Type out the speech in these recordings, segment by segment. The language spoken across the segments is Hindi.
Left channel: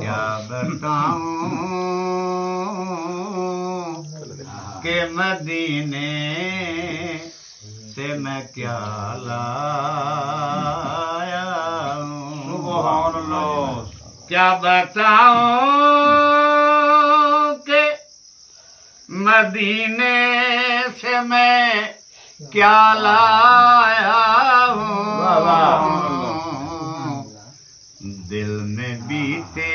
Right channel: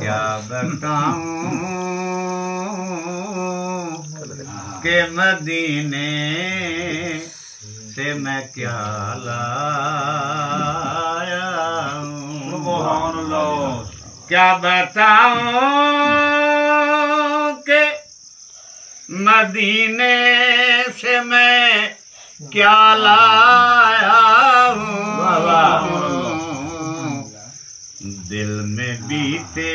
क्या बताऊं के मदीने से मैं क्या लाया हूँ। क्या बताऊं के मदीने से मैं क्या लाया हूँ। दिल में बीते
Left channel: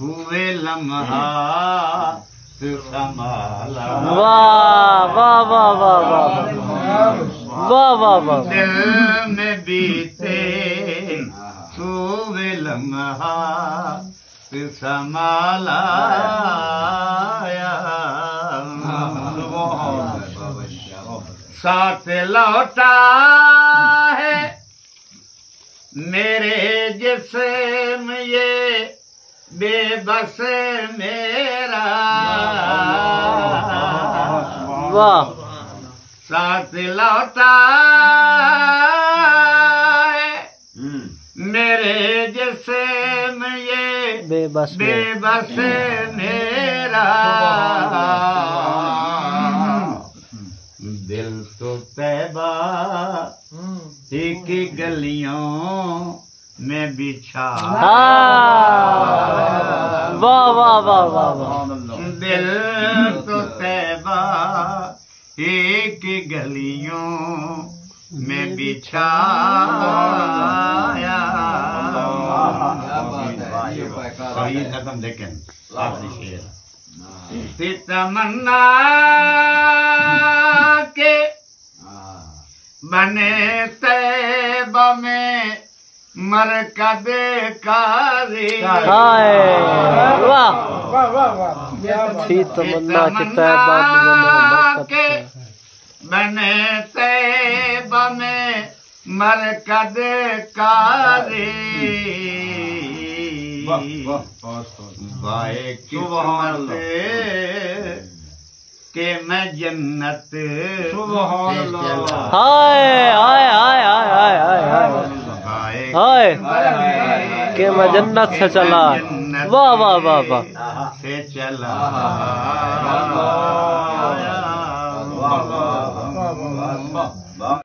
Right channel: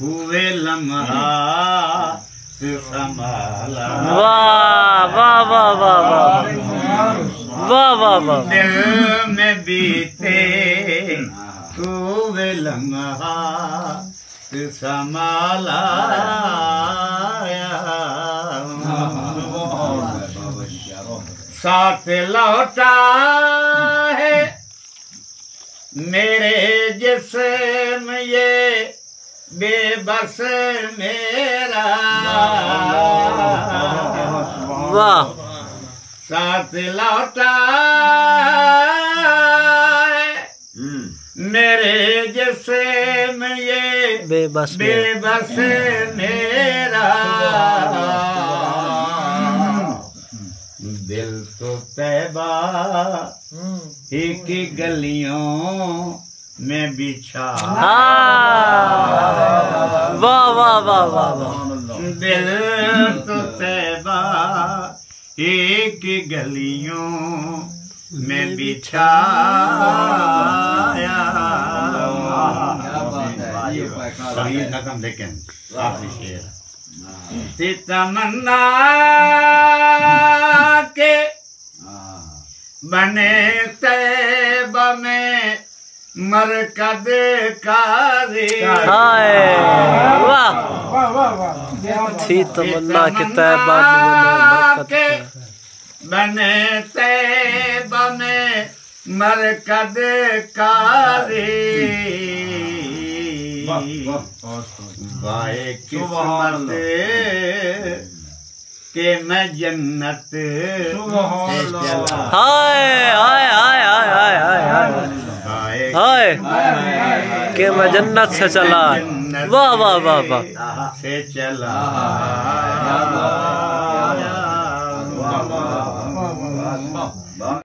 हुए लम्हा संभाला। वाह वाह वाह वाह वाह वाह वाह वाह। दिल में बीते हुए लम्हा संभाला। साथ लौटा है मेरे जिस्म ये बेबस मेरा। वाह। साथ लौटा है मेरे जिस्म ये बेबस मेरा। दिल तो तैबा ही की गलियों में बिछा। वाह वाह वाह वाह। दिल तो तैबा ही की गलियों में बिछाया। खत्म लेकिन आखिरी शेर। तमन्ना के बने तैबा में मरकद काज़ी। वाह थी तमन्ना के तैबा के बने तैबा में मरकद काज़ी। बाए किस्मत के मैं जन्नत से चला। हाय हाय हाय हाय हाय हाय हाय के मैं जन्नत से चला। वाह वाह वाह वाह से चला।